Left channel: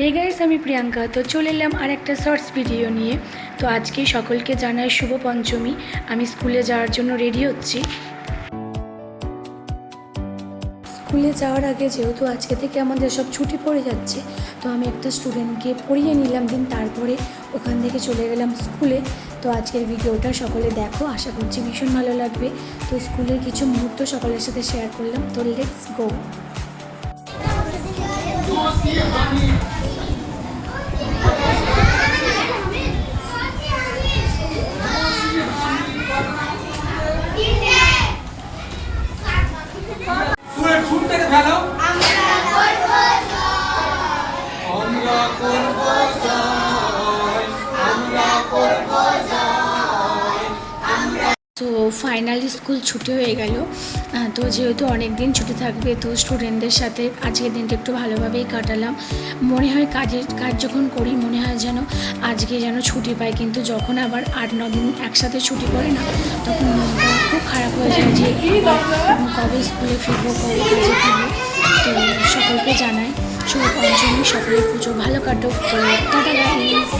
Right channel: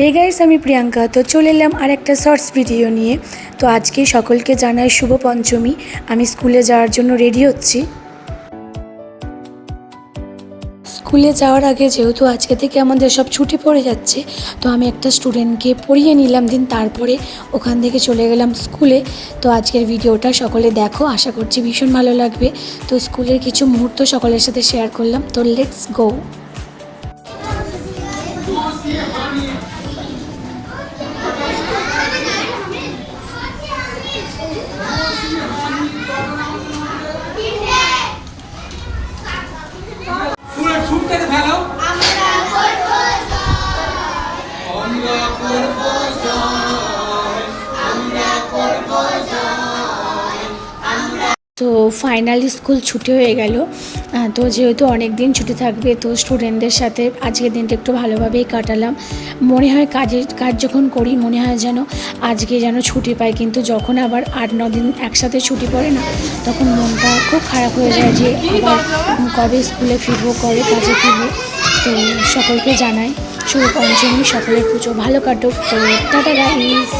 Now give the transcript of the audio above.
Hey guys, আমি প্রিয়াঙ্কা। তো চলে এলাম আর একটা শর্টস ভিডিও নিয়ে। তো আজকে সকলকে জানাই শুভ পঞ্চমী। আমি স্কুলে যাওয়ার জন্য রেডি হচ্ছি। স্কুলে যাওয়ার আগে যেহেতু আজকে থেকে আমাদের সব ছুটি পড়ে যাচ্ছে, তো আমি একটা স্টুডেন্টকে পড়িয়ে নিলাম, তারপরে ওখান থেকে চলে গেলাম স্কুলে। তো আজকের ভিডিওটা সকলে দেখো, আশা করছি ভীষণ ভালো লাগবে। তো স্কুলের কিছু মুহূর্ত সকলের সাথে শেয়ার করলাম। তো লেটস গো। তো ফাইনালি স্কুল ছুটি হয়ে গেল। তো যেহেতু অনেক দিন ছুটি থাকবে, তো স্টুডেন্টদের সাথে আজকের দিনটা একটু ভালোভাবেই কাটালাম। মনে হয় কাজ যখন করি মনে হয় যেন আজকে যেন ছুটি পাই, কিন্তু যখন আবার 8-9 দিন একসাথে ছুটি পড়ে না, তখন মনটা খুব খারাপ হয়ে যায় যে কবে স্কুলে ফিরবো, কবে কাজে ফিরবো। তো সকলকে জানাই শুভ পঞ্চমী, সকলের পুজো ভালো কাটুক। তো টাটা গাইস।